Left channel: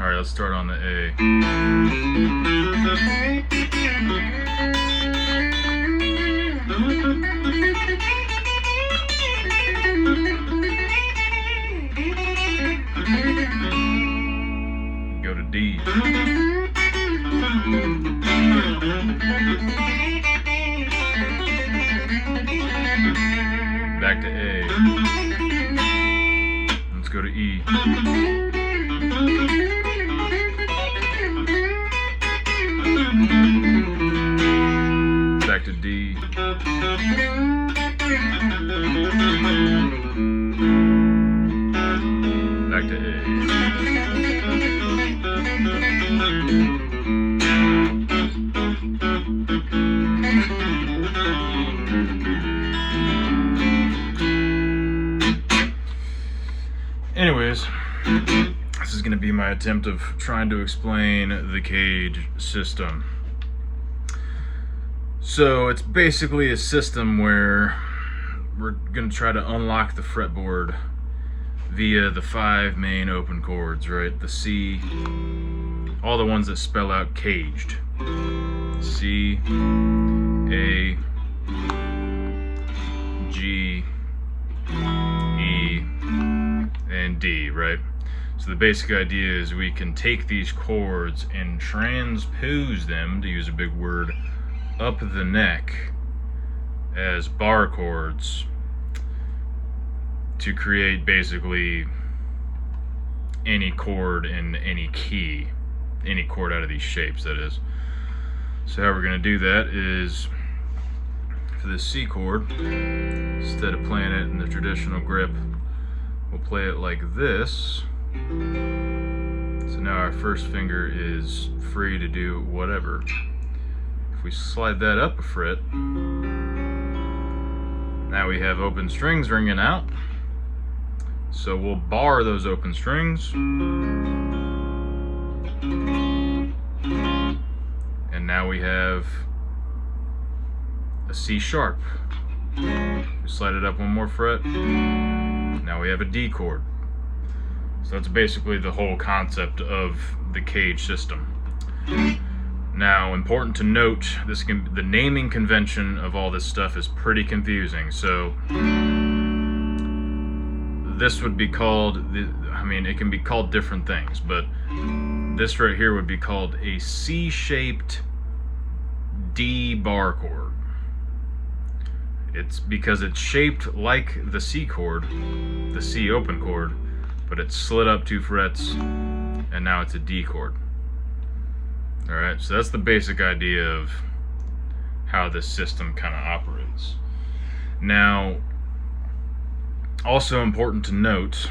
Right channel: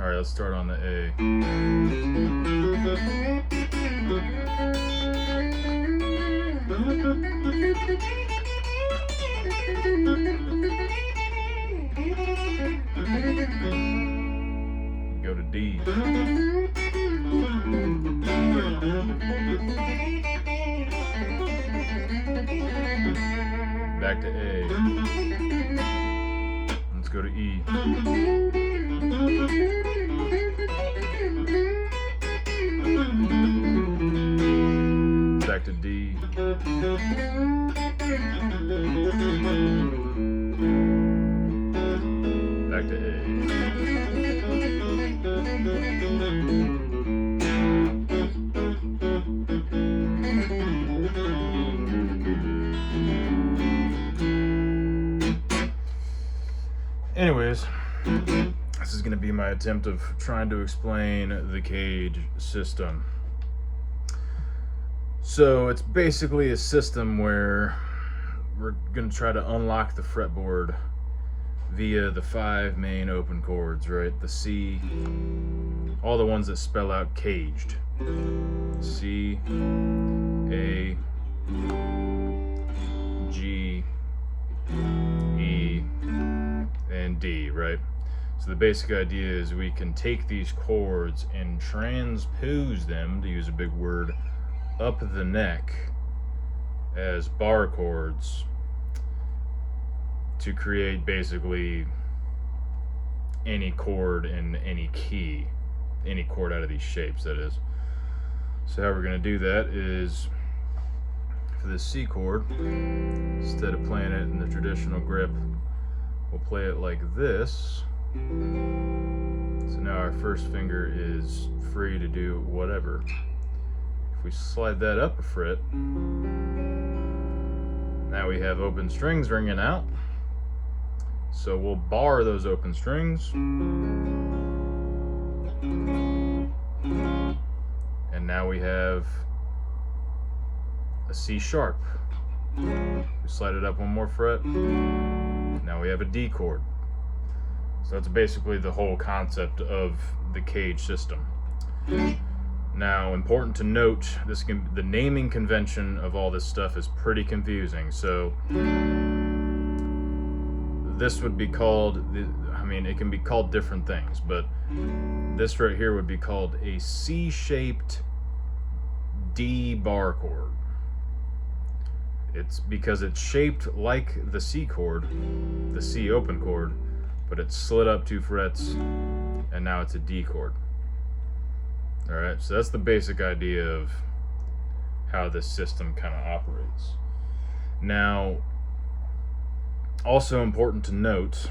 Alright, let's start on the A. Go to D. Back to A. Let's go to E. Back to D. Back to A. Anyways, this is going to be my attempt of trying to explain the CAGED system. So it's basically a system where we're going to try to unlock the fretboard via the 5 main open chords, right? The C, all the ones that spell out CAGED. C, A, G, E, and D, right? So the basic idea is we can take these chords and transpose them, to use a big word, up the neck as bar chords to create basically any chord in any key, any chord out of these shapes, that is. So how we're going to do that is, for this C chord, instead of playing it in the traditional grip, we'll play it like this. So now our first finger is free to do whatever. If we slide that up a fret, now we have open strings ringing out. So we'll bar those open strings. And now we have a C sharp. We slide it up one more fret. Now we have a D chord. So that's basically the whole concept of the CAGED system. Now, important to note, the naming convention of all this stuff is pretty confusing. So this would be called, it can be called different things, but this right here would be called a C-shaped D bar chord. It's because it's shaped like the C chord, the C open chord, but it's slid up 2 frets, and now it's a D chord. Alright, so that's the basic idea of how this system kind of operates. Now, also important to note,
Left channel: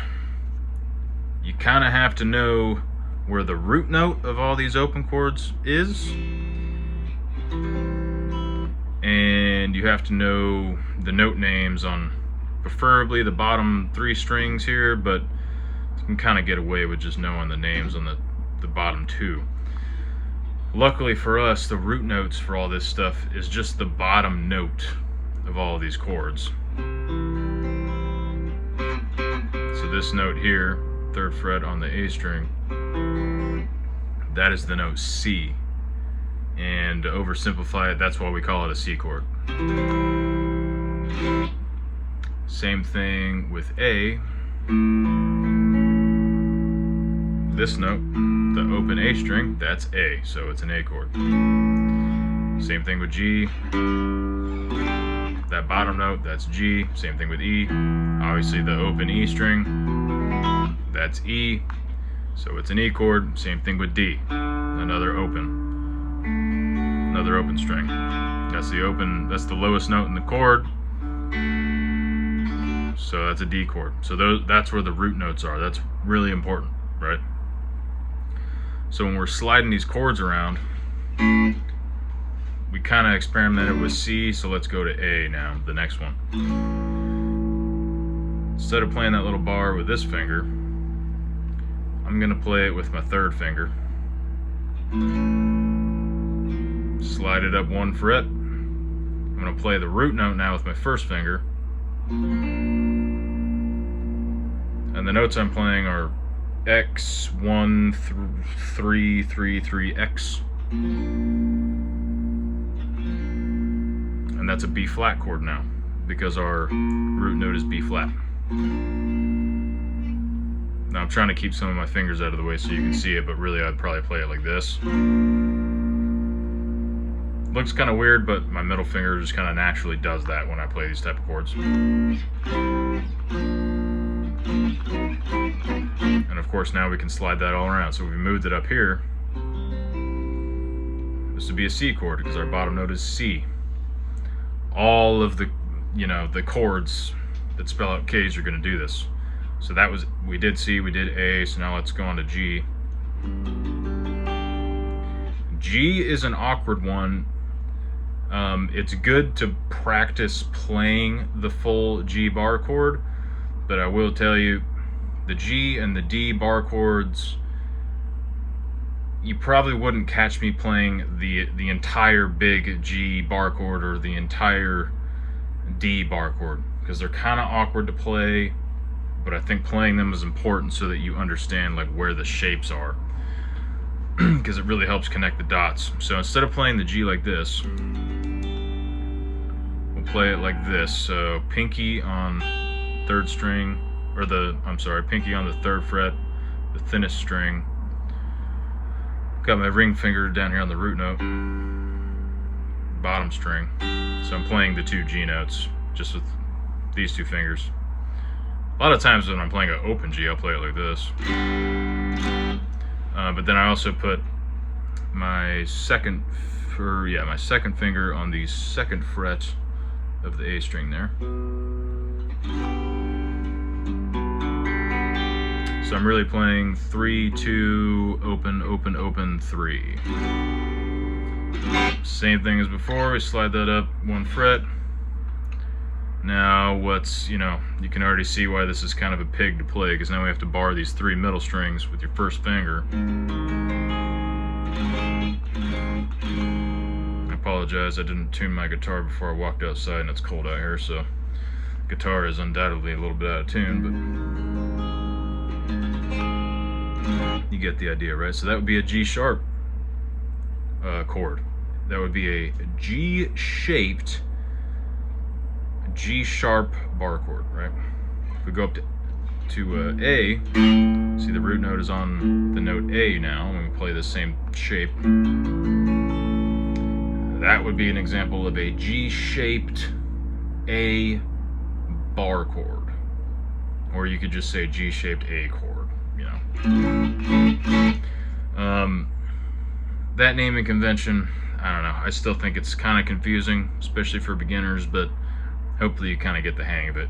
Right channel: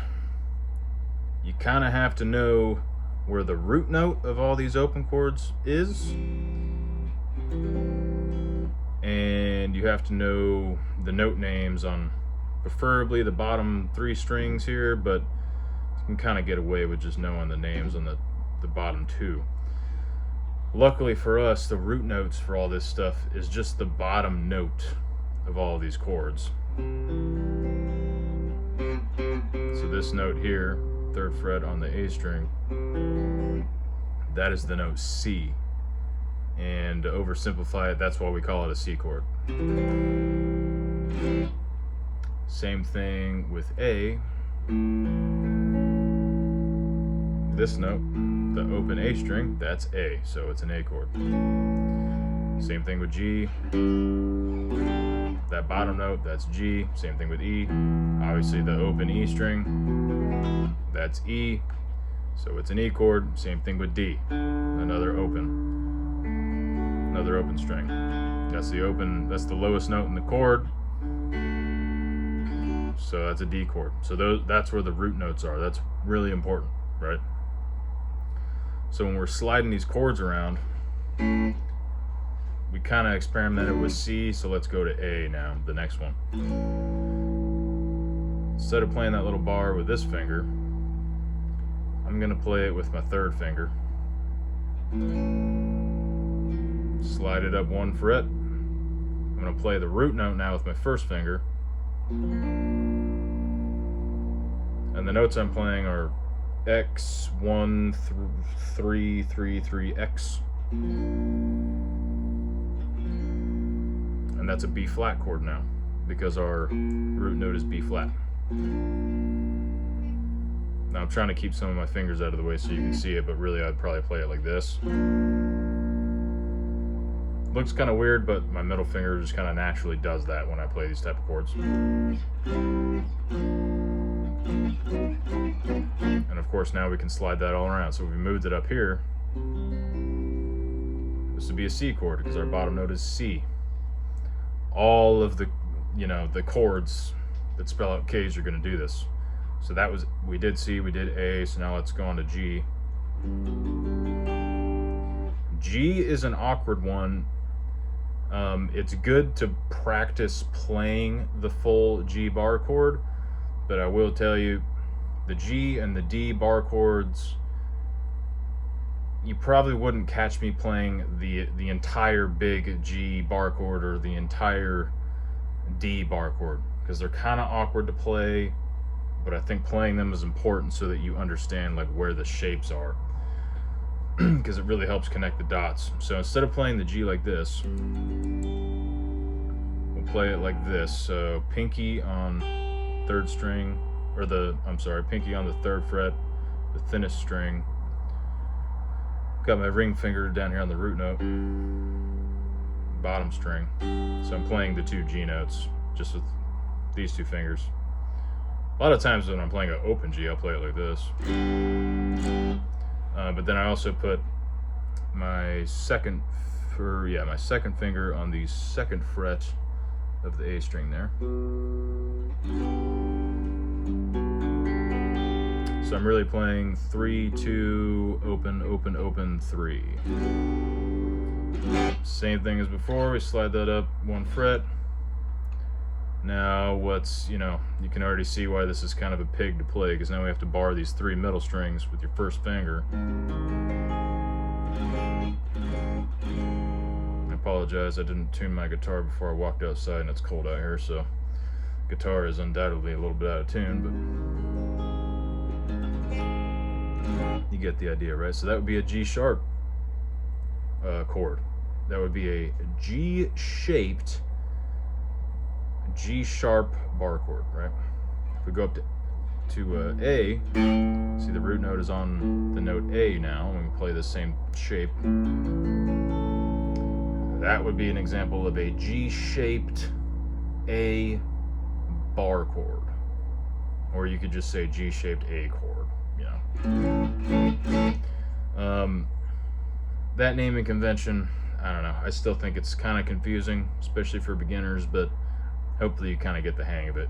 you kind of have to know where the root note of all these open chords is, and you have to know the note names on preferably the bottom 3 strings here, but you can kind of get away with just knowing the names on the bottom 2. Luckily for us, the root notes for all this stuff is just the bottom note of all of these chords. So this note here, 3rd fret on the A string, that is the note C. And to oversimplify it, that's why we call it a C chord. Same thing with A. This note, the open A string, that's A, so it's an A chord. Same thing with G. That bottom note, that's G. Same thing with E. Obviously the open E string, that's E, so it's an E chord. Same thing with D, another open string. That's the lowest note in the chord, so that's a D chord. So that's where the root notes are. That's really important, right? So when we're sliding these chords around, we kind of experimented with C, so let's go to A now, the next one. Instead of playing that little bar with this finger, I'm going to play it with my 3rd finger. Slide it up 1 fret. I'm going to play the root note now with my 1st finger. And the notes I'm playing are X1333X. And that's a B flat chord now, because our root note is B flat. Now I'm trying to keep some of my fingers out of the way so you can see it, but really I'd probably play it like this. Looks kind of weird, but my middle finger just kind of naturally does that when I play these type of chords. And of course now we can slide that all around. So if we moved it up here, this would be a C chord because our bottom note is C. All of the, the chords that spell out CAGED are going to do this. So that was, we did C, we did A, so now let's go on to G. G is an awkward one. It's good to practice playing the full G bar chord, but I will tell you, the G and the D bar chords, you probably wouldn't catch me playing the entire big G bar chord or the entire D bar chord, because they're kind of awkward to play, but I think playing them is important so that you understand like where the shapes are, because it really helps connect the dots. So instead of playing the G like this, we'll play it like this. So pinky on third string, or pinky on the third fret, the thinnest string. Got my ring finger down here on the root note, bottom string. So I'm playing the two G notes just with these two fingers. A lot of times when I'm playing an open G, I'll play it like this. But then I also put my second finger on the second fret of the A string there. So I'm really playing 3, 2, open, open, open, 3. Same thing as before, we slide that up one fret. Now you can already see why this is kind of a pig to play, because now we have to bar these 3 middle strings with your first finger. I apologize, I didn't tune my guitar before I walked outside and it's cold out here, so the guitar is undoubtedly a little bit out of tune, but you get the idea, right? So that would be a G sharp chord. That would be a G-shaped G sharp bar chord, right? If we go up to A, see the root note is on the note A now, and we play the same shape. That would be an example of a G-shaped A bar chord. Or you could just say G-shaped A chord. That naming convention, I don't know, I still think it's kind of confusing, especially for beginners, but hopefully you kind of get the hang of it,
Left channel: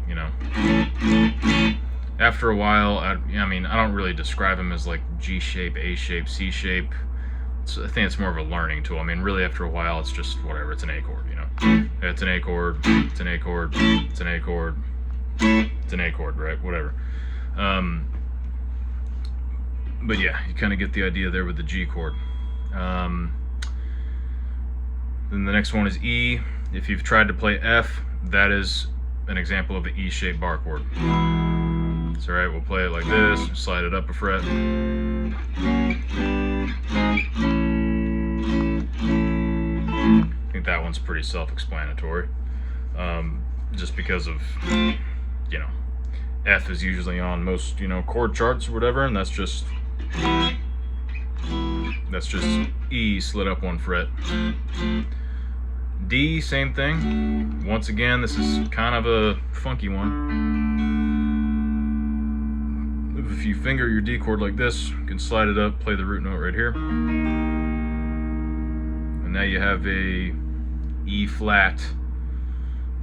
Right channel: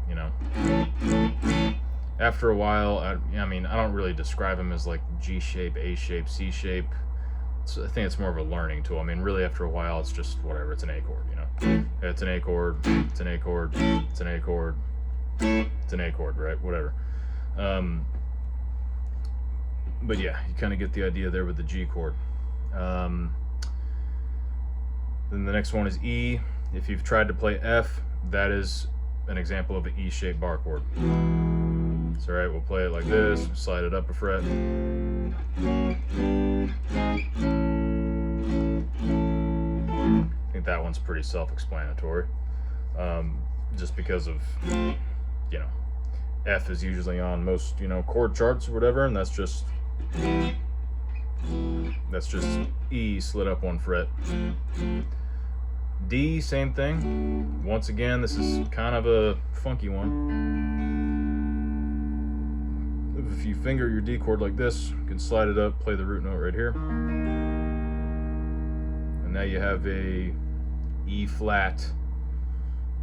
After a while, I don't really describe them as like G shape, A shape, C shape. I think it's more of a learning tool. Really after a while, it's just whatever, it's an A chord, It's an A chord, it's an A chord, it's an A chord, it's an A chord, right? Whatever. But yeah, you kind of get the idea there with the G chord. Then the next one is E. If you've tried to play F, that is an example of an E-shaped bar chord. So alright, we'll play it like this, slide it up a fret. I think that one's pretty self-explanatory. Just because of, F is usually on most, chord charts or whatever, and that's just E slid up one fret. D, same thing. Once again, this is kind of a funky one. If you finger your D chord like this, you can slide it up, play the root note right here. And now you have a E flat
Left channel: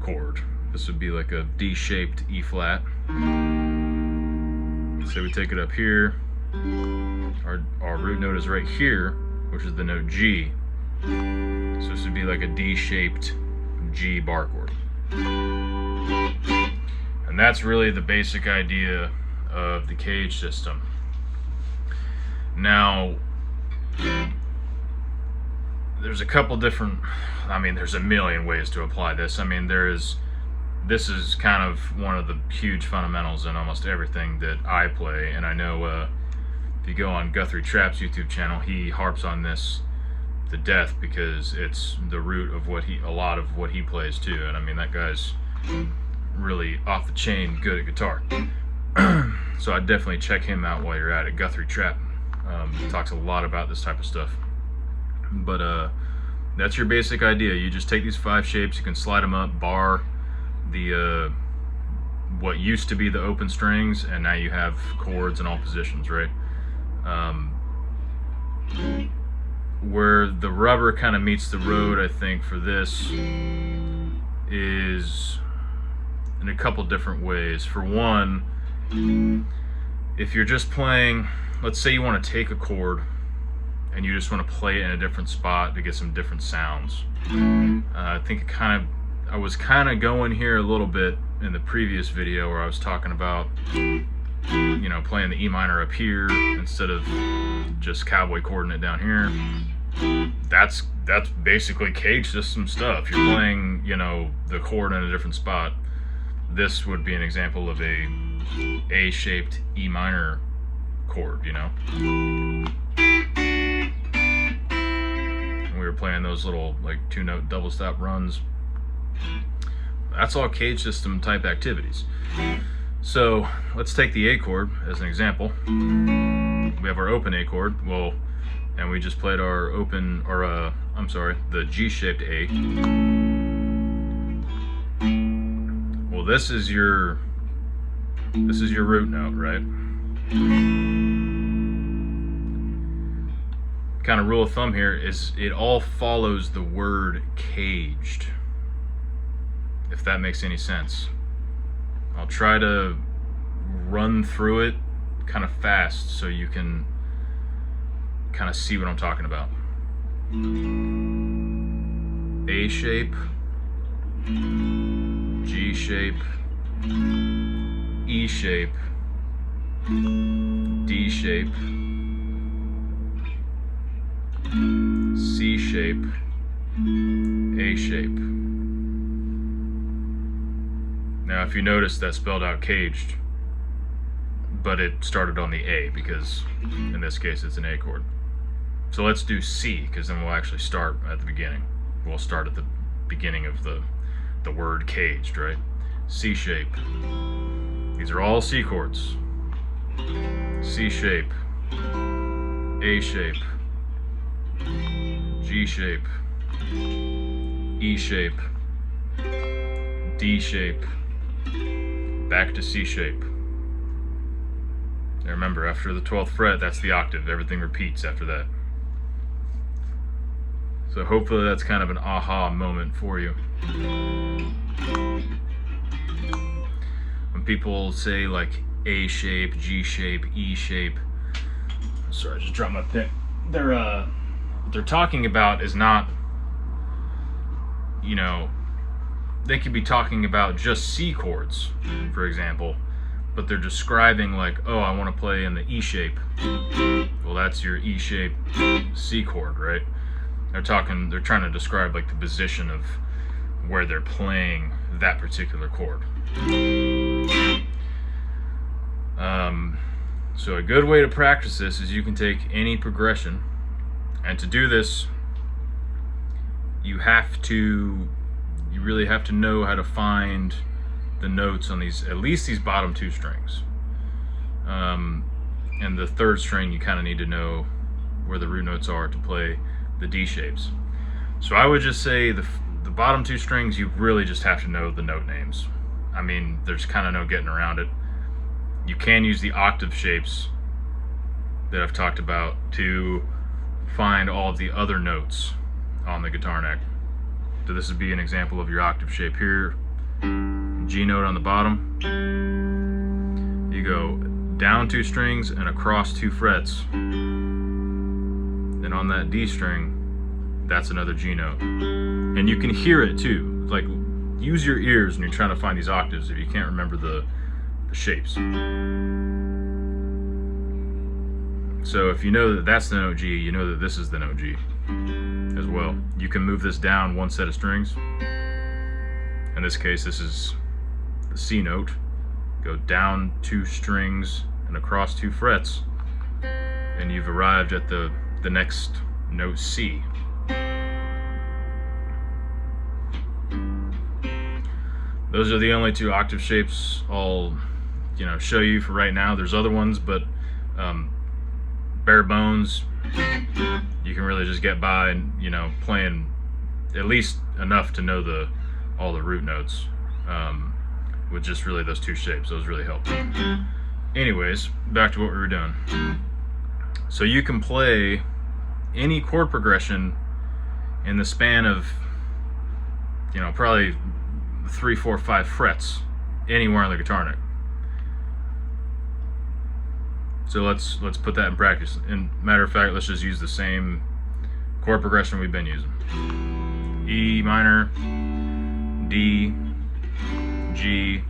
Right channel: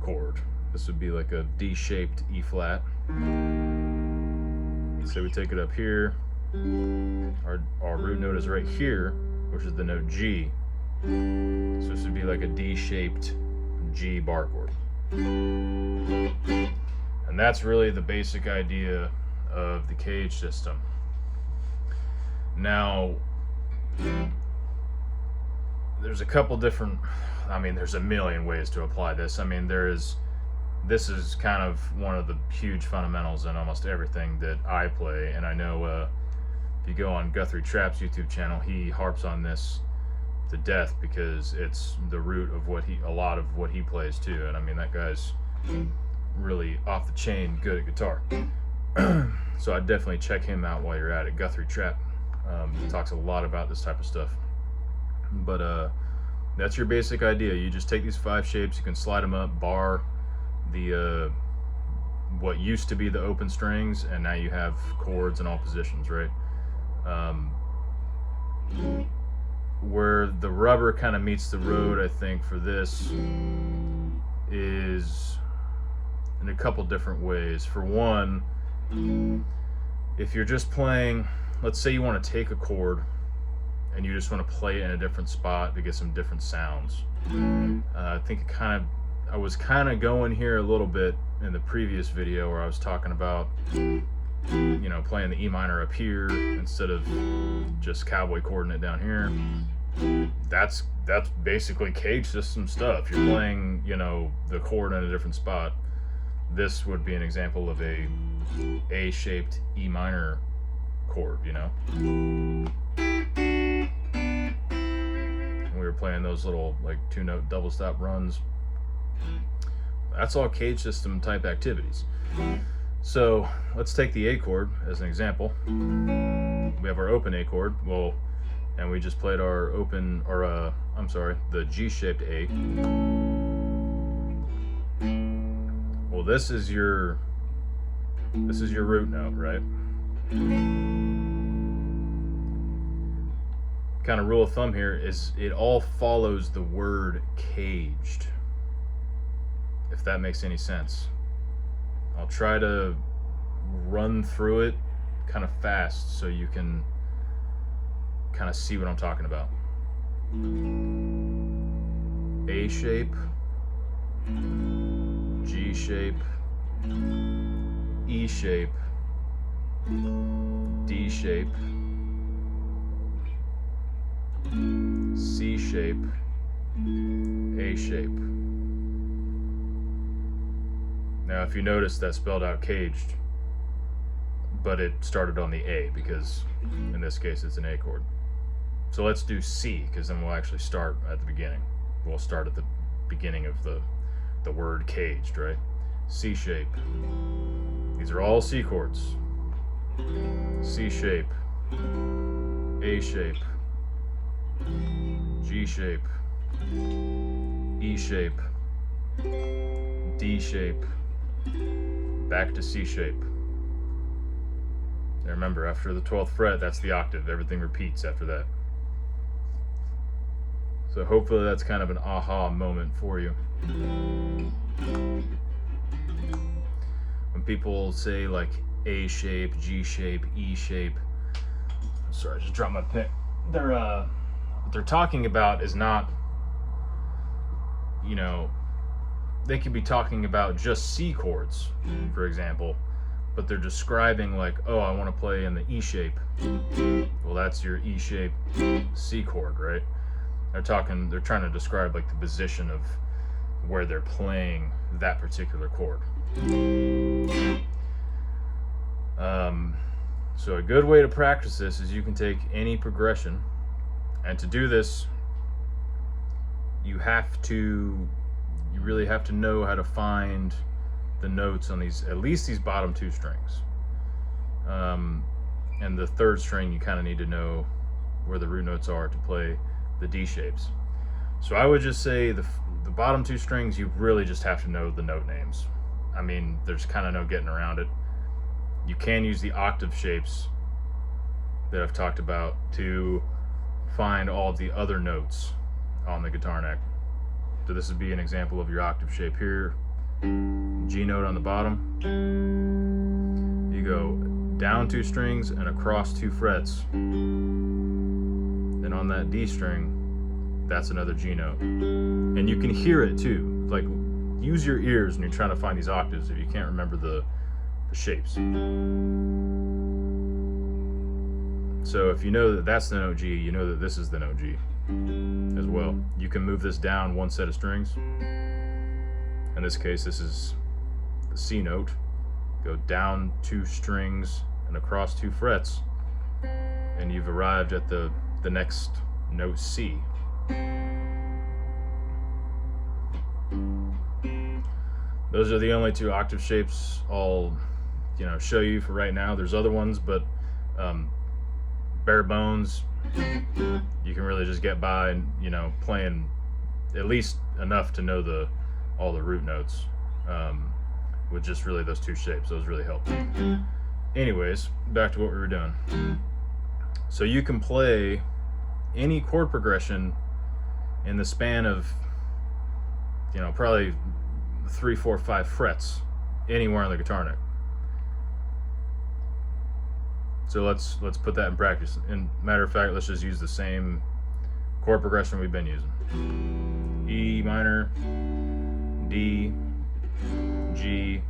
chord. This would be like a D-shaped E flat. So we take it up here. Our root note is right here, which is the note G. So this would be like a D-shaped G bar chord. And that's really the basic idea of the CAGED system. Now, there's a couple different, there's a million ways to apply this. This is kind of one of the huge fundamentals in almost everything that I play, and I know if you go on Guthrie Trapp's YouTube channel, he harps on this to death because it's the root of a lot of what he plays too. And I mean, that guy's really off the chain good at guitar. So I'd definitely check him out while you're at it. Guthrie Trap. He talks a lot about this type of stuff. But that's your basic idea. You just take these 5 shapes, you can slide them up, bar the what used to be the open strings, and now you have chords in all positions, right? Where the rubber kind of meets the road, I think, for this is in a couple different ways. For one, if you're just playing, let's say you want to take a chord and you just want to play it in a different spot to get some different sounds. I think I was kind of going here a little bit in the previous video where I was talking about, you know, playing the E minor up here instead of just cowboy chording it down here. That's basically CAGED system stuff. You're playing, you know, the chord in a different spot. This would be an example of a A-shaped E minor chord, you know. And we were playing those little like 2-note double stop runs. That's all CAGED system type activities. So let's take the A chord as an example. We have our open A chord, well, and we just played our open, or the G-shaped A. Well, this is your root note, right? Kind of rule of thumb here is it all follows the word CAGED, if that makes any sense. I'll try to run through it kind of fast so you can kind of see what I'm talking about. A shape, G shape, E shape, D shape, C shape, A shape. Now if you notice, that spelled out CAGED, but it started on the A because in this case it's an A chord. So let's do C, because then we'll actually start at the beginning. We'll start at the beginning of the word CAGED, right? C shape. These are all C chords. C shape, A shape, G shape, E shape, D shape, back to C shape. Now remember, after the 12th fret, that's the octave. Everything repeats after that. So hopefully that's kind of an aha moment for you. When people say like A shape, G shape, E shape, sorry, I just dropped my pick. What they're talking about is not, you know, they could be talking about just C chords, for example, but they're describing like, oh, I want to play in the E shape. Well, that's your E shape C chord, right? They're trying to describe like the position of where they're playing that particular chord. So a good way to practice this is you can take any progression, and to do this, you really have to know how to find the notes on these, at least these bottom 2 strings. And the 3rd string, you kind of need to know where the root notes are to play the D shapes. So I would just say the bottom 2 strings, you really just have to know the note names. I mean, there's kind of no getting around it. You can use the octave shapes that I've talked about to find all of the other notes on the guitar neck. So this would be an example of your octave shape here. G note on the bottom. You go down 2 strings and across 2 frets. Then on that D string, that's another G note. And you can hear it too. Like, use your ears when you're trying to find these octaves if you can't remember the shapes. So if you know that that's the note G, you know that this is the note G as well. You can move this down 1 set of strings. In this case, this is the C note. Go down 2 strings and across 2 frets. you've arrived at the next note C. Those are the only two octave shapes I'll show you for right now. There's other ones, but bare bones, you can really just get by, playing at least enough to know all the root notes with just really those two shapes. Those really help. Anyways, back to what we were doing. So you can play any chord progression in the span of probably 3, 4, 5 frets anywhere on the guitar neck. So let's put that in practice. And matter of fact, let's just use the same chord progression we've been using. E minor, D, G,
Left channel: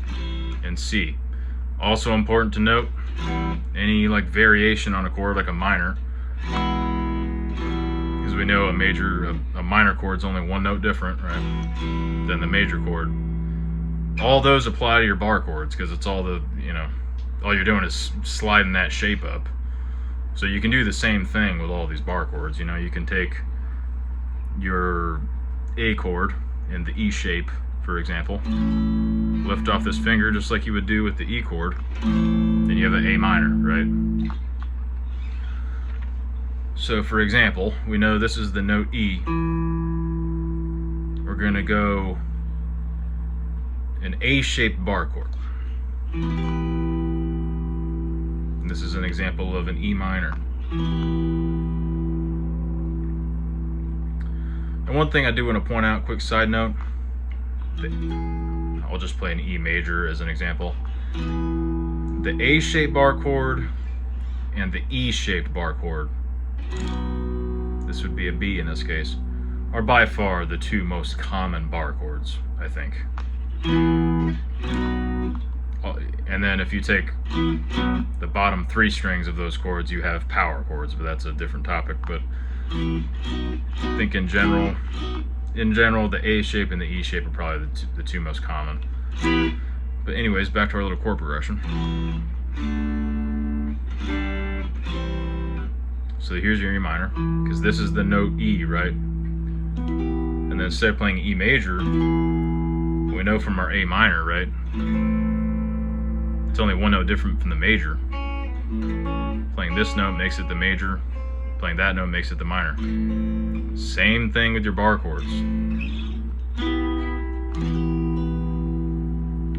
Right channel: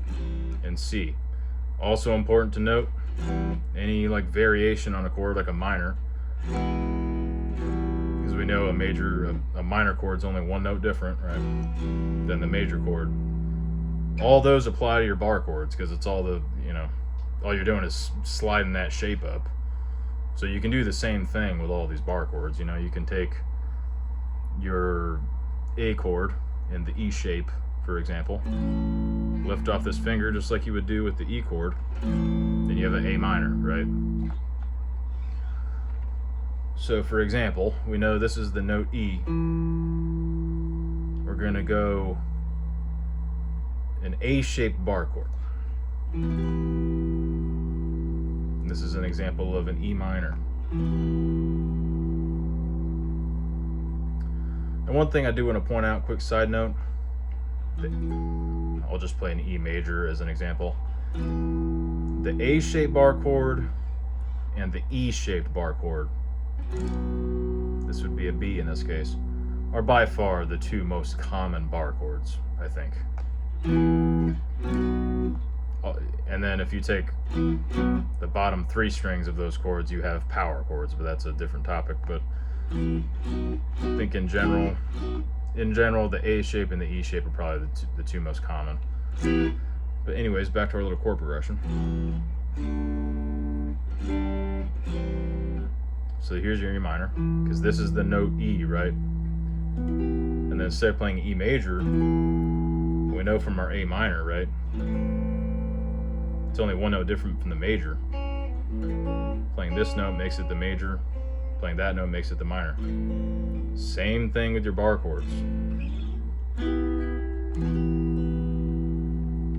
and C. Also important to note, any variation on a chord like a minor, because we know a minor chord is only one note different, right, than the major chord. All those apply to your bar chords because it's all all you're doing is sliding that shape up. So you can do the same thing with all these bar chords. You can take your A chord in the E shape, for example, lift off this finger just like you would do with the E chord, and you have an A minor, right? So for example, we know this is the note E. We're going to go an A-shaped bar chord. This is an example of an E minor. And one thing I do want to point out, quick side note, I'll just play an E major as an example. The A-shaped bar chord and the E-shaped bar chord, this would be a B in this case, are by far the two most common bar chords, I think. And then if you take the bottom 3 strings of those chords, you have power chords, but that's a different topic. But I think in general, the A shape and the E shape are probably the two most common. But anyways, back to our little chord progression. So here's your E minor, because this is the note E, right? And then instead of playing E major, we know from our A minor, right? It's only one note different from the major. Playing this note makes it the major. Playing that note makes it the minor. Same thing with your bar chords.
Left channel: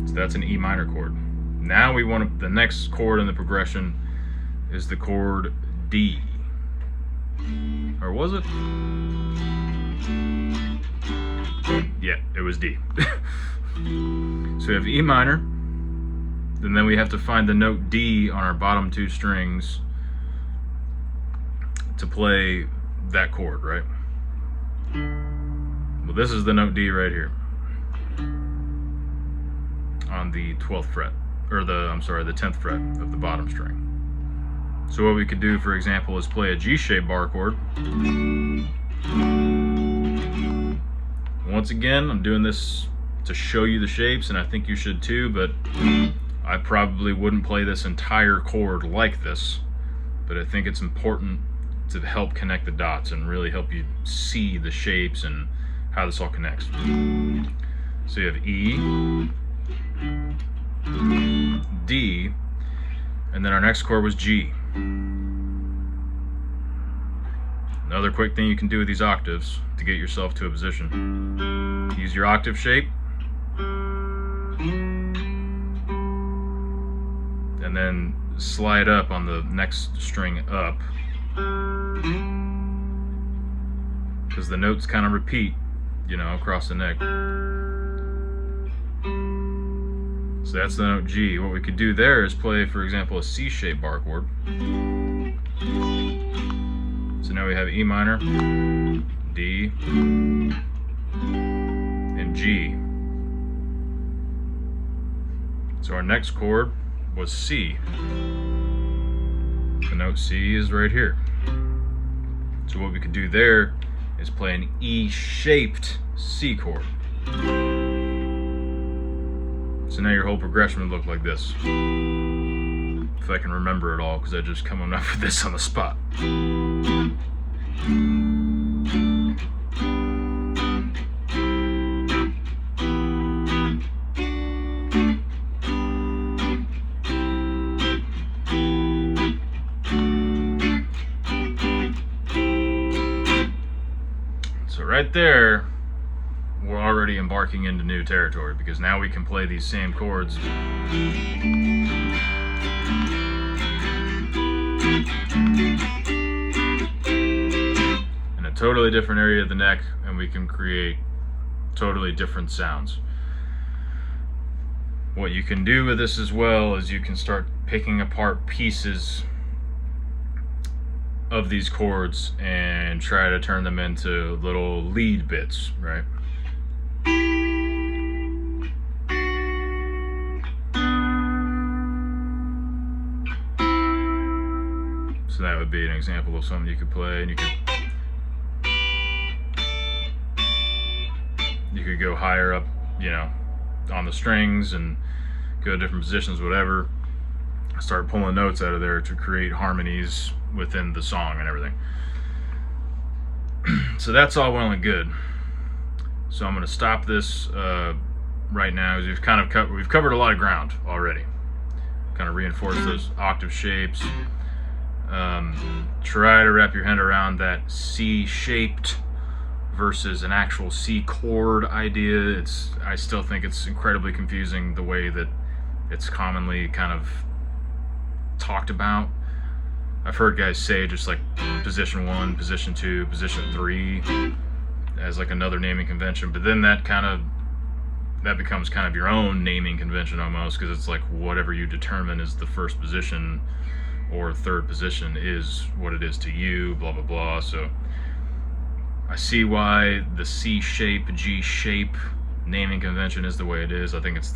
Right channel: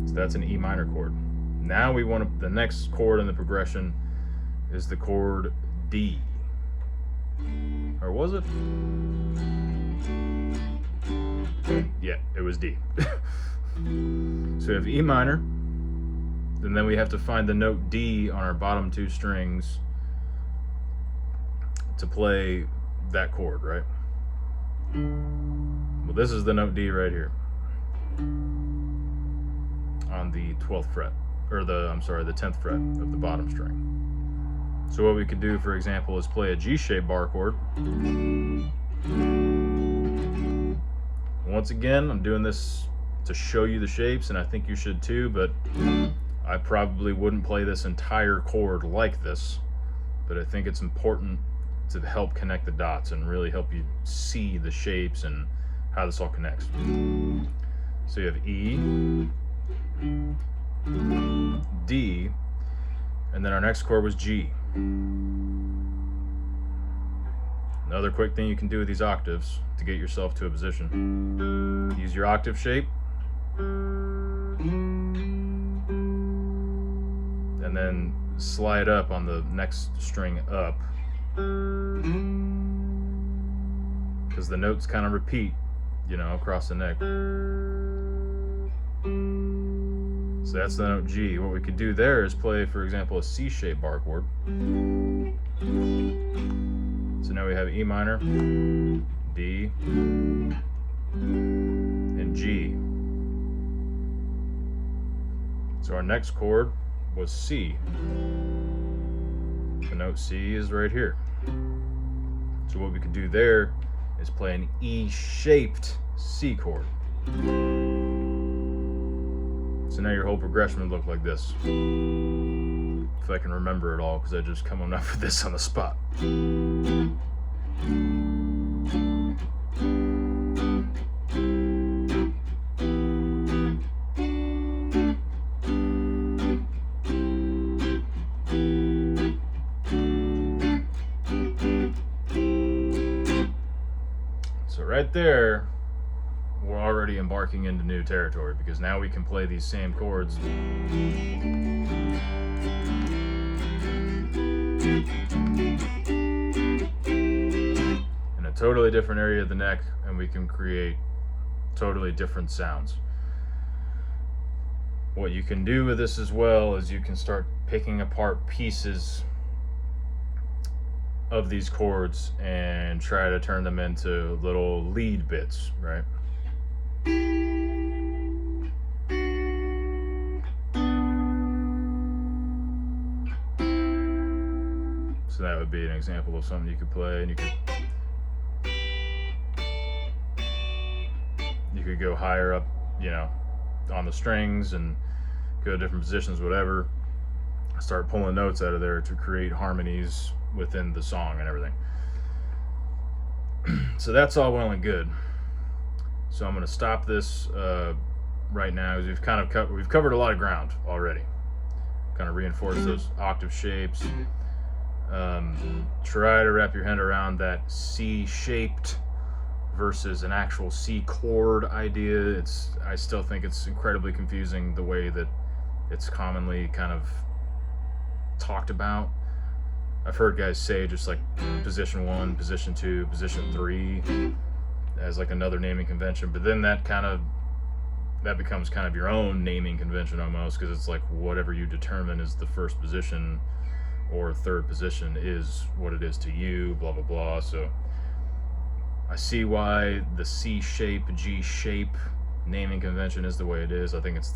So that's an E minor chord. Now we want the next chord in the progression is the chord D. Or was it? Yeah, it was D. So we have E minor, and then we have to find the note D on our bottom 2 strings to play that chord, right? Well, this is the note D right here on the 12th fret, or the 10th fret of the bottom string. So what we could do, for example, is play a G-shaped bar chord. Once again, I'm doing this to show you the shapes, and I think you should too, but I probably wouldn't play this entire chord like this, but I think it's important to help connect the dots and really help you see the shapes and how this all connects. So you have E, D, and then our next chord was G. Another quick thing you can do with these octaves to get yourself to a position. Use your octave shape, and then slide up on the next string up, because the notes kind of repeat, across the neck. So that's the note G. What we could do there is play, for example, a C-shaped bar chord. So now we have E minor, D, and G. So our next chord was C. The note C is right here. So what we could do there is play an E-shaped C chord. So now your whole progression would look like this. if I can remember it all, because I just coming up with this on the spot. So right there, we're already embarking into new territory, because now we can play these same chords in a totally different area of the neck, and we can create totally different sounds. What you can do with this as well is you can start picking apart pieces of these chords and try to turn them into little lead bits, right? So that would be an example of something you could play, and you could go higher up, you know, on the strings and go to different positions, whatever. Start pulling notes out of there to create harmonies within the song and everything. So that's all well and good. So I'm going to stop this right now, because we've covered a lot of ground already. Kind of reinforce those octave shapes. Try to wrap your head around that C-shaped versus an actual C chord idea. I still think it's incredibly confusing the way that it's commonly kind of talked about. I've heard guys say just like position 1, position 2, position 3 as like another naming convention, but then that becomes kind of your own naming convention almost, because it's like whatever you determine is the first position or third position is what it is to you, blah blah blah. So I see why the C shape, G shape naming convention is the way it is. I think it's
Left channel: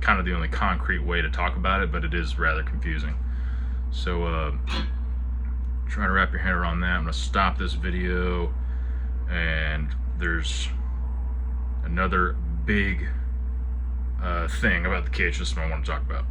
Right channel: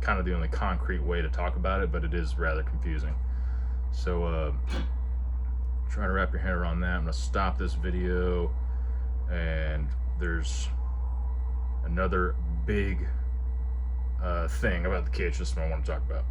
kind of the only concrete way to talk about it, but it is rather confusing. So try to wrap your head around that. I'm going to stop this video, and there's another big thing about the CAGED system I want to talk about.